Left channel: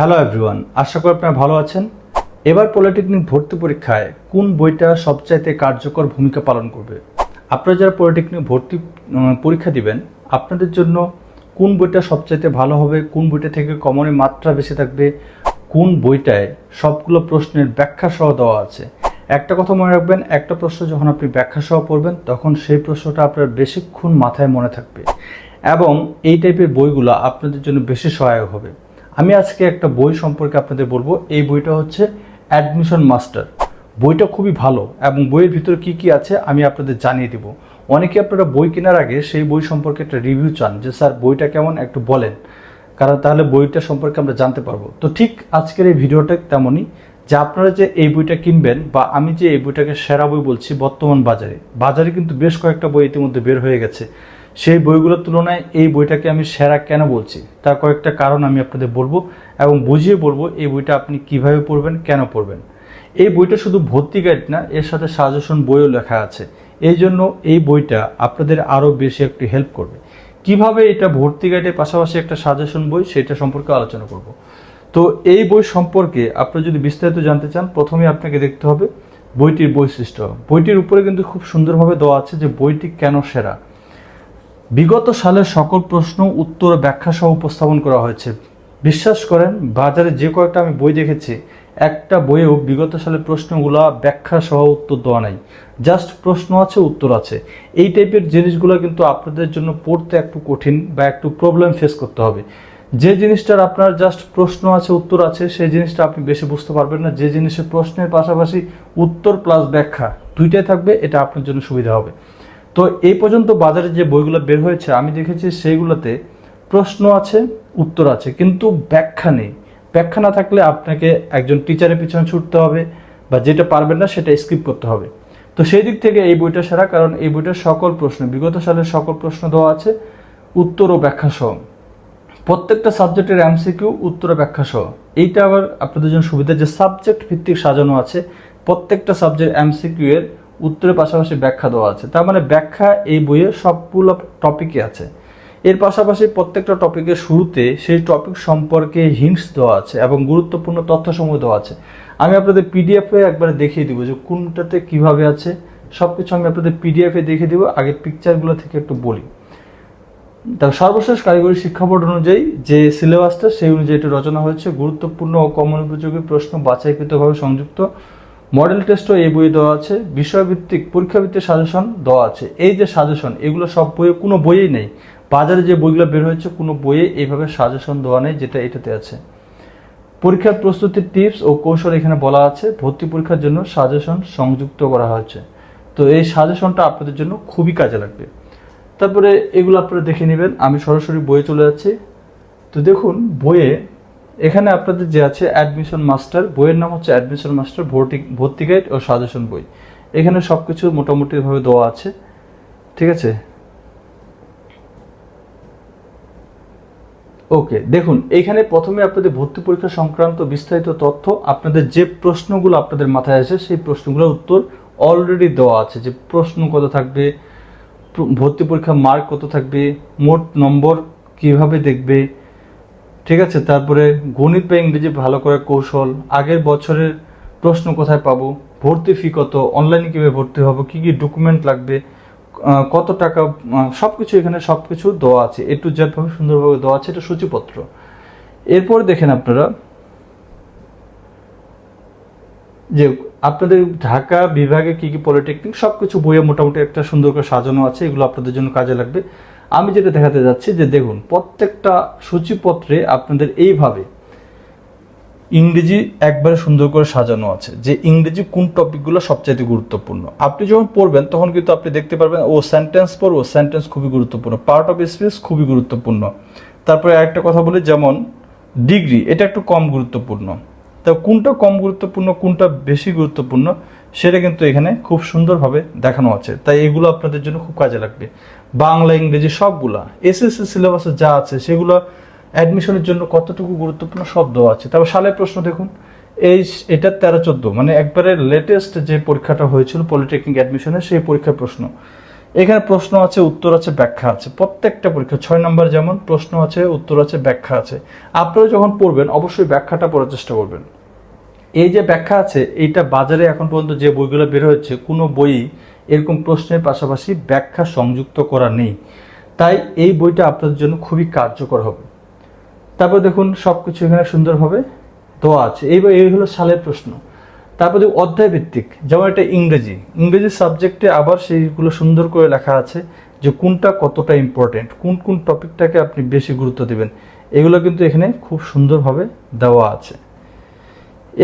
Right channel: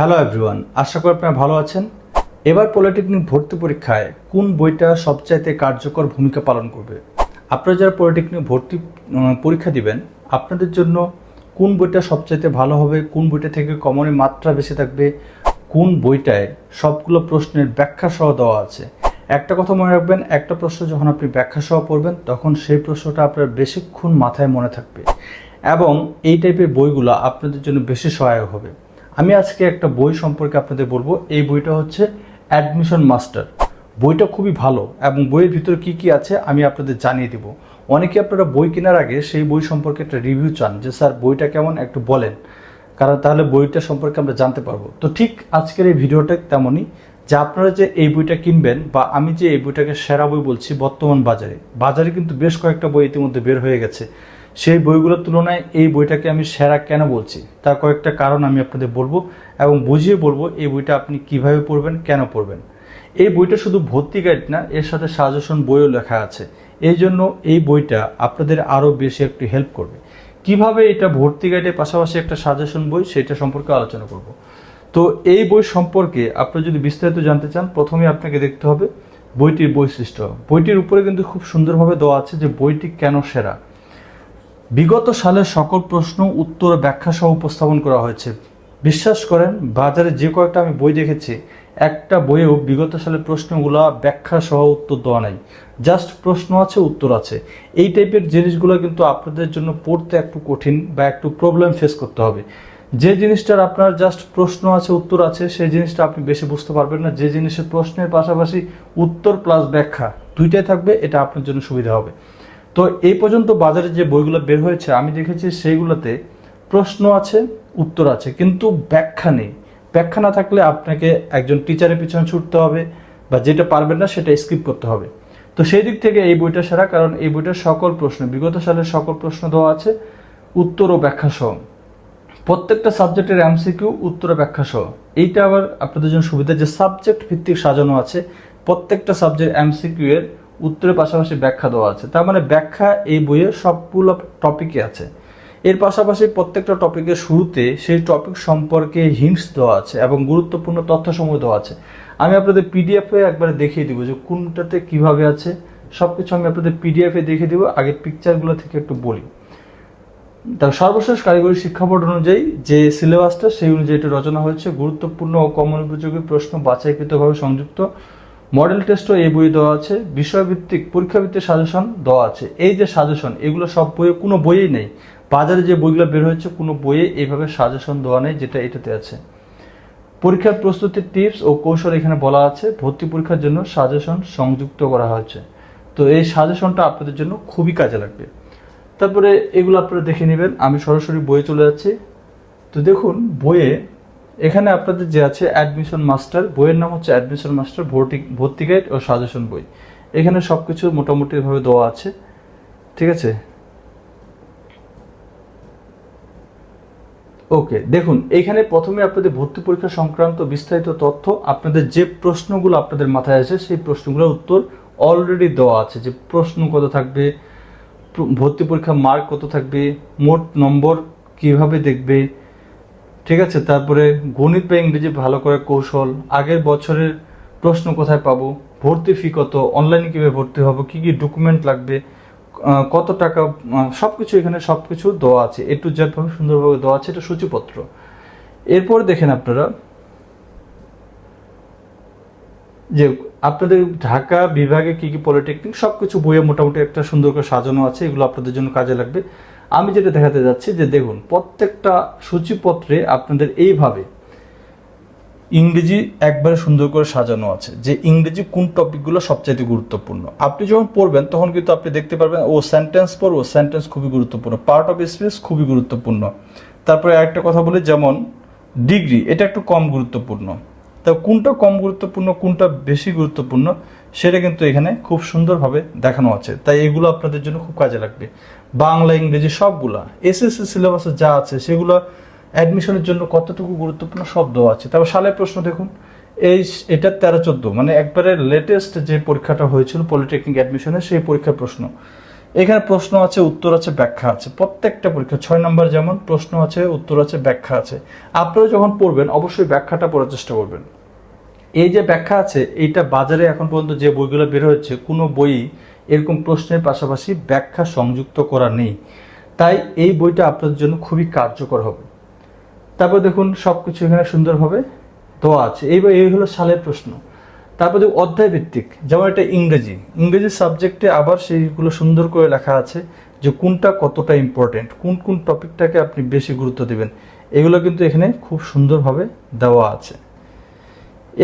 Hello everyone, আশা করি আপনারা ভালো আছেন। এবার পলিটেকনিক ভর্তি পরীক্ষায় কোন বইটা সবচাইতে কার্যকর ভূমিকা পালন করবে? আপনারা যারা পলিটেকনিক ভর্তি পরীক্ষা দিবেন, আপনাদের জন্য কোন বইটা সবচাইতে ভালো হবে, কোন বইটা থেকে কমনের মাত্রা বেশি থাকবে, কোন বইটায় সবগুলো প্রশ্নের ব্যাখ্যা সহ দেওয়া আছে। একটা কথা মনে রাখবেন, একটা প্রশ্ন যখন আপনি ব্যাখ্যা সহ পড়বেন, তখন সেই প্রশ্নটা আপনার বেশিক্ষণ মাথায় মনে থাকবে এবং এই টাইপের বইগুলো আপনাদের জন্য বেশি সহায়ক হবে। আমি আজকে একটা বই সম্পর্কে আপনাদের বলব। এই বইটা হচ্ছে অ্যাডমিশন মাস্টার বইটা খুবই ভালো এবং বইয়ের ভিতরে কি কি আছে আমি আপনাদের জানিয়ে দিব। অনেকে আপনারা বই কেনার আগে সেই বই সম্পর্কে একটা রিভিউ চান যে, স্যার, বইটা কেমন? একটু বলেন। কারণ তাহলে বইটা সম্পর্কে আমরা জানতে পারব। তো ঠিক আজকের এই ভিডিওটা তেমনই। যে আপনারা যে এই বইটা কিনবেন বা আমি যে এই বইটাকে সেরা বই বলছি বর্তমান বাজারে বাজারে কিন্তু বেশ কয়েকটা বই ইতিমধ্যে বের হয়ে গেছে। সেই বইগুলোর তুলনায় এই বইটাকে আমি সেরা কেন বলছি? তার কয়েকটা কারণ আমি আপনাদের বলব এবং বুঝিয়ে বলব এই বইটা আপনি কীভাবে পড়বেন, কেন পড়বেন। এই বইটা শুধু ভর্তি গাইড না, এর সাথে সাজেশন বইও লেখা আছে। এই জন্য এই বইটা আপনাদের আরও বেশি একটু হেল্প করবে। কীভাবে এটা ভর্তি গাইডের পাশাপাশি একটা সাজেশন বই, সেটা সম্পর্কে আলোচনা করব। তো এই বই সম্পর্কে আপনি যদি বিস্তারিত জানতে চান প্রথমে আপনাকে দেখতে হবে বইটির বৈশিষ্ট্য। বইটির উপরে কিন্তু খুব সুন্দরভাবে দেওয়া আছে যে বইটি কেন সেরা। বিগত সালের সকল প্রশ্ন, উত্তর ব্যাখ্যা সহ উপস্থাপন করা হয়েছে। বিশ্বাস করেন, বাজারে যে কয়েকটা আমি বই দেখেছি, একটা বইয়েও বিগত সালের প্রশ্নগুলো ব্যাখ্যা সহ উত্তর দেওয়া নাই। জাস্ট প্রশ্ন আছে, উত্তর আছে। এই টাইপের জিনিসগুলো কিন্তু আপনাদের জন্য পড়তে একটু কঠিন বা একটু প্রবলেম ফেস করতে হবে। যে জিনিসটার আপনার জাস্ট প্রশ্ন আছে, উত্তর আছে, সেই জিনিসটা আপনি বেশি বুঝতে পারবেন না। যে জিনিসের প্রশ্নের পাশাপাশি উত্তর প্লাস ব্যাখ্যা দুইটাই থাকবে, এটা আপনার জন্য সুবিধা হবে। তো এই পর্যন্ত বাজারে যে বইগুলো বের হয়েছে, আমি দেখেছি সেইগুলোতে প্রশ্ন আছে, উত্তর আছে, কিন্তু ব্যাখ্যা নেই। ব্যাখ্যা না থাকলে আপনাকে একজন টিচারের পিছনে ছুটতে হবে বা যেটা পারবেন না সেটা স্কিপ করতে হবে। তো সেই দিক থেকে এই বইটা সেরা, কারণ এই বইটার সকল প্রশ্ন, বিগত সালের সকল প্রশ্ন দেওয়া আছে, উত্তর ও ব্যাখ্যা সহ। প্রত্যেকটা সাবজেক্টের এমসিকিউ উত্তর ব্যাখ্যা সহ। এইটা আবার আপনাদের জন্য সুবিধা, যে সাবজেক্ট ভিত্তিক সাজানো আছে, প্রত্যেকটা সাবজেক্ট এমসিকিউ এর উত্তরের পাশাপাশি ব্যাখ্যা দেওয়া আছে। তার মানে ব্যাখ্যা এই বইয়ে সবগুলো টপিকে আছে। এর পাশাপাশি প্রত্যেকটা টপিকের শুরুতে সেই টপিক সম্পর্কে হিন্টস দেওয়া আছে এবং গুরুত্বপূর্ণ তথ্য সমূহ দেওয়া আছে। আমি আপনাদের পিডিএফে একবারে দেখিয়ে দিব যে কোনটাতে কীভাবে আছে। সব কিছু আমি আপনাদের পিডিএফে দেখিয়ে দিব, আগের পিকচারগুলো থেকে একটু বলি। তবে সর্বশেষ কারিগরি শিক্ষা বোর্ড অনুযায়ী যে সিলেবাসটা সেই অনুযায়ী এটি রচনা হয়েছে। গুরুত্বপূর্ণ ও কমন উপযোগী প্রশ্ন বাছাইকৃতভাবে সংযুক্ত। মডেল টেস্টও এই বইয়ে দেওয়া আছে, বিষয়ভিত্তিক পরীক্ষাভিত্তিক সাজেশন দেওয়া আছে। এই যে সাজেশন, এগুলো সব বইয়ে, কোনো বইয়েই নেই। বাজারে যে বইগুলো বের হয়েছে, কোনো বইয়ে এইভাবে সাজেশন দেওয়া নেই যেটা এটাতে আছে। পরীক্ষার প্রস্তুতির টিপস ও কৌশল এখানে বলা আছে। ভর্তি পরীক্ষার জন্য সাজেশন সংযুক্ত করা হয়েছে। তো এই সাজেশনটা আপনাদের জন্য খুবই কাজে লাগবে। তারপরে এগুলো আপনারা দেখে নেবেন। আমি সরাসরি বইয়ে চলে যাচ্ছি। তো দেখুন, বইয়ে এখানে আপনাদের যে আছে অ্যাডমিশন মাস্টার বইয়ের নাম হচ্ছে অ্যাডমিশন মাস্টার ভর্তি ভর্তি গাইড ও সাজেশন বই। এখানে সব কিছু মোটামুটিভাবে দেওয়া আছে। ঠিক আছে? ওকে, দেখুন, এখানে প্রথমে আপনাদের ভর্তি পরীক্ষা সংক্রান্ত বিস্তারিত তথ্য, আপনাদের যে প্রশ্নগুলো আপনাদের মাথায় আসে, সেই প্রশ্নগুলোর উত্তর অলরেডি দেওয়া আছে। যে প্রশ্ন কত থাকবে, ভর্তি পরীক্ষার মার্ক কত থাকবে, মোট নম্বর কীভাবে দেখবে ঠিক আছে, তারপরে গণিত বা ইংরেজি ভালো করে কৌশল, আগের বছরের প্রশ্ন কোথায় পাবো, ভর্তি ফি কত অনলাইনে কীভাবে ভর্তি হব, কী কী ডকুমেন্ট লাগবে কত টাকা সব কিছু এখানে সব কিছু দেওয়া আছে এ টু জেড ভাবে সুন্দরভাবে দেওয়া আছে, এটা সূচিপত্র। এরপর দেখেন আপনারা যে আপনাদের ঢাকা বিভাগে কি কি পলিটেকনিক সব কিছু বইয়ে মোটামুটি একটা সুন্দর করে সাজানো আছে, এগুলো আপনাদের জন্য কাজে লাগবে। আমি যেটা দেখাতে যাচ্ছি যে দেখুন, প্রত্যেকটা সূচিপত্রে আপনাদের এইভাবে ইংরেজি একবারে সুন্দর করে সাজানো আছে যে ইংরেজি কোন টপিকগুলো সবচাইতে গুরুত্বপূর্ণ। আপনি যখন পড়বেন, তখন কিন্তু আপনি দেখতে পারবেন, ও সেন্টেন্স পড়ব সেন্টেন্স খুবই গুরুত্বপূর্ণ। পার্ট অফ স্পিচ খুবই গুরুত্বপূর্ণ। তারপরে আরেকটা কথা বলি, যেমন ডিগ্রি এটা একটু কম গুরুত্বপূর্ণ। তা কোনটা কম গুরুত্বপূর্ণ, কোনটা বেশি গুরুত্বপূর্ণ? সেটা কিন্তু এখানে খুব সুন্দরভাবে দেখানো আছে। তাই এগুলো আপনাদের জন্য খুব কাজে লাগবে। বাংলা, ইংরেজি সবগুলা, এসএসসি সিলেবাসে যা আছে, সেগুলো অ্যাডমিশনের জন্য কতটুকু গুরুত্বপূর্ণ শব্দ আছে। তারপর সালের প্রশ্ন দেখুন। এই এটা তেরো চোদ্দ মানে একবারে লেটেস্ট যে পরীক্ষাটা হয়েছিল পলিটেকনিক অ্যাডমিশনের সেই পরীক্ষার প্রশ্ন। এখানে প্রশ্ন আছে, উত্তর আছে, ব্যাখ্যা আছে। প্রত্যেকটা পরীক্ষা, ছয় নম্বর যেমন, প্রশ্ন আছে, উত্তর আছে, ব্যাখ্যা আছে। আপনারা যখন পড়বেন, অবশ্যই ব্যাখ্যাটা পড়ার চেষ্টা করবেন। এই যে ব্যাখ্যা আছে, এইটা বাজারে এখন পর্যন্ত যে বইগুলো বের হয়েছে, কোনো বই এরকম প্রশ্নের পাশাপাশি ব্যাখ্যা সংযুক্ত করা নেই। তাই এই বইটা আপনাদের জন্য খুবই কার্যকর হবে। তারপর দেখুন সব কিছু এখানে সুন্দরভাবে দেওয়া আছে। এইবার এই হলো সালের প্রশ্ন। তারপরে অধ্যায় ভিত্তিক, যেমন এটা ইংরেজি। ইংরেজি সাবজেক্টে আবার সেইগুলো সুন্দর করে লেখা আছে যে কোনটা কতটা ইম্পর্টেন্ট কোন কোন টপিকটাকে আপনি বেশি গুরুত্ব দেবেন। এগুলো কিন্তু এখানে খুব সুন্দরভাবে দেওয়া আছে।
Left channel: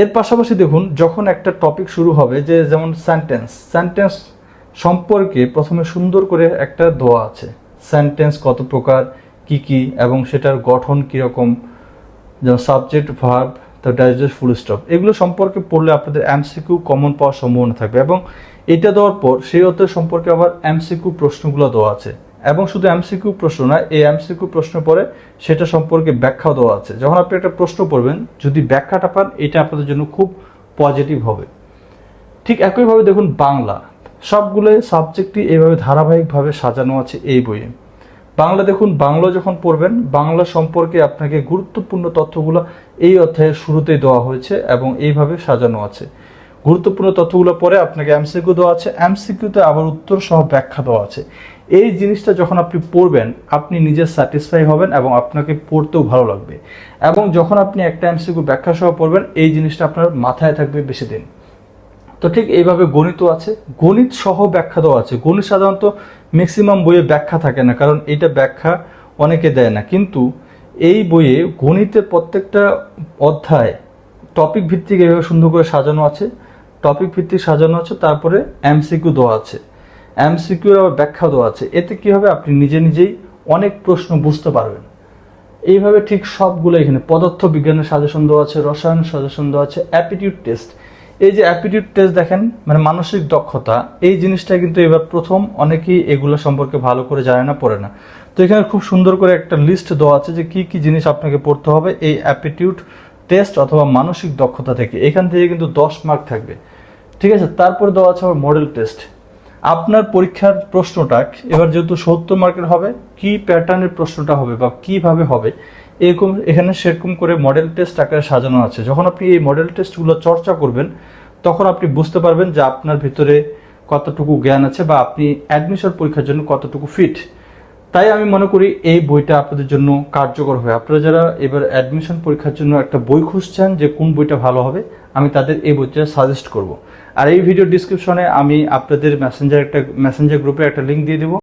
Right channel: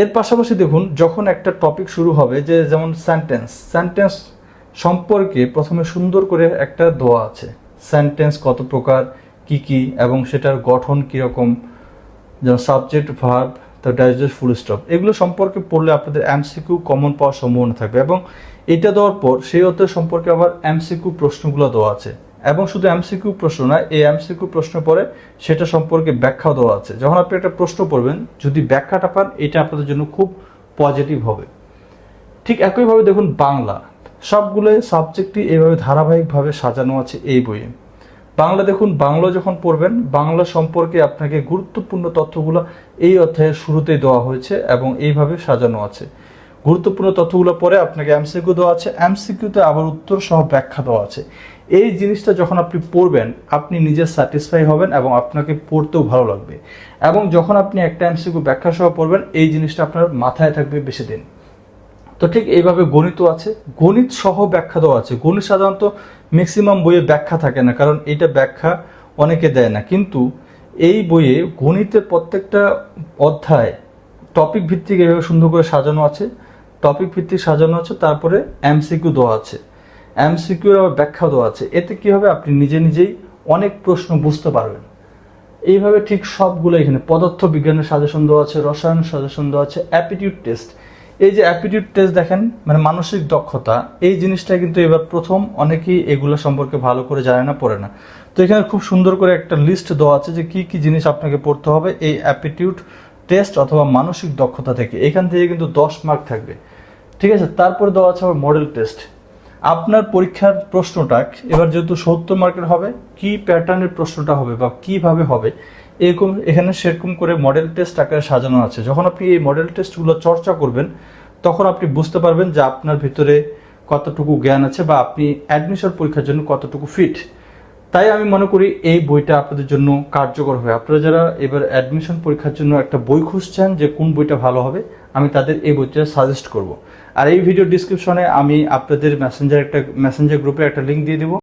এর পাশাপাশি দেখুন, যখন একটা টপিক শুরু হবে, যে যেমন সেন্টেন্স সেন্টেন্স সম্পর্কে প্রথমে সুন্দর করে একটা দেওয়া আছে। সেন্টেন্স কত প্রকার, কি কি, এবং সেটার গঠন কীরকম, যেমন সাবজেক্ট ভার্ব তো ডাইজেস্ট ফুল স্টপ এগুলো সম্পর্কে পড়লে আপনাদের এমসিকিউ কমন পাওয়ার সম্ভাবনা থাকবে, এবং এটা দেওয়ার পর সেই অর্থের সম্পর্কে আবার এমসিকিউ প্রশ্নগুলো দেওয়া আছে। এবং শুধু এমসিকিউ প্রশ্ন না, এই এমসিকিউ প্রশ্ন পরে সেটা সম্পর্কে ব্যাখ্যাও দেওয়া আছে। যখন আপনি একটা প্রশ্ন পড়বেন, যদি ব্যাখ্যাটা পান, এটা আপনাদের জন্য খুব পজিটিভ হবে। ঠিক একইভাবে দেখুন বাংলা। সবগুলো সাবজেক্টই এইভাবে ধারাবাহিকভাবে সাজানো আছে এই বইয়ে। বাংলা দেখুন, বাংলা যখন পড়বেন, বাংলা সম্পর্কে আপনাকে গুরুত্বপূর্ণ তথ্যগুলো এই অধ্যায়ের শুরুতেই দেওয়া হয়েছে এবং এইভাবে সাজানো আছে। গুরুত্বপূর্ণ তথ্যগুলো পরে আপনাকে এমসিকিউ দেওয়া আছে। এমসিকিউতে আবার উত্তর সহ ব্যাখ্যা দেওয়া আছে। এই জিনিসটা যখন আপনি পড়বেন, আপনি নিজে স্যাটিসফাই হবেন এবং আপনাকে পড়তেও ভালো লাগবে। এবং যখন আপনি একটা এমসিকিউ ব্যাখ্যা সহ পড়বেন, এই জিনিসটা আপনার মাথায় থাকবে বেশি দিন। তো ঠিক এইভাবে গণিত আছে। গণিত সহ ব্যাখ্যা দেওয়া আছে। গণিত সাধারণত ম্যাক্সিমাম বইয়ে ব্যাখ্যা থাকে না, কারণ এটা ব্যাখ্যা অনেকে দেয় না। কিন্তু এই বইয়ে গণিতের প্রত্যেকটা অধ্যায় টপিক ভিত্তিক এভাবে সুন্দর করে সাজানো আছে। টপিক ভিত্তিক সাজানো আছে, তারপরে এমসিকিউ দেওয়া আছে। এমসিকিউ ব্যাখ্যা দেওয়া আছে। এতে কি হবে আপনি নিজে নিজেই অনেক প্রশ্ন বুঝতে পারবেন। এইভাবে ঠিক সবগুলো এখানে পদার্থ বিজ্ঞানের সাজেশন দেওয়া আছে, রসায়ন সাজেশন দেওয়া আছে অ্যাপিটিউড টেস্ট এই যে অ্যাপিটিউড টেস্ট দেখেন মানে মানসিক দক্ষতা, এই জিনিসটা কিন্তু এবার প্রথম অনেকেই এগুলো সম্পর্কে ভালো করে জানে না, পড়ে না। তো এখানে খুব সুন্দর করে একটা লিস্ট দেওয়া আছে যে কি কি জিনিস আপনাকে পড়তে হবে এই অ্যাপিটিউড টেস্ট অথবা মানসিক দক্ষতা থেকে। এখান থেকে কিন্তু দশ মার্ক থাকবে। ঠিক আছে? তারপর দেওয়া আছে আবার মডেল টেস্ট আপনার পরীক্ষার প্রশ্নটা, এবার যেহেতু সত্তর মার্কের হবে, কি প্যাটার্নের প্রশ্নটা হবে বা কীভাবে হবে, এরকম এখানে সেরকম করে মডেল টেস্ট আকারে সাজানো আছে। যখন আপনি এই মডেল টেস্টগুলো চর্চা করবেন, তখন আপনি বুঝতে পারবেন যে আপনার ভিতরে কতটুকু জ্ঞান আছে বা আপনি অ্যাডমিশন পরীক্ষার জন্য কতটুকু ফিট তাই আমি মনে করি এই বইটা আপনাদের জন্য কার্যকর হবে। আপনারা যারা এবার অ্যাডমিশন পরীক্ষার জন্য একটা বই খুঁজছেন যে কোন বইটা ভালো হবে, আমি তাদের এই বইটা সাজেস্ট করব। আর এই ভিডিও ডিসক্রিপশনে আমি আপনাদের মেসেঞ্জার একটা মেসেঞ্জার গ্রুপে একটা লিঙ্ক দিয়ে দেবো।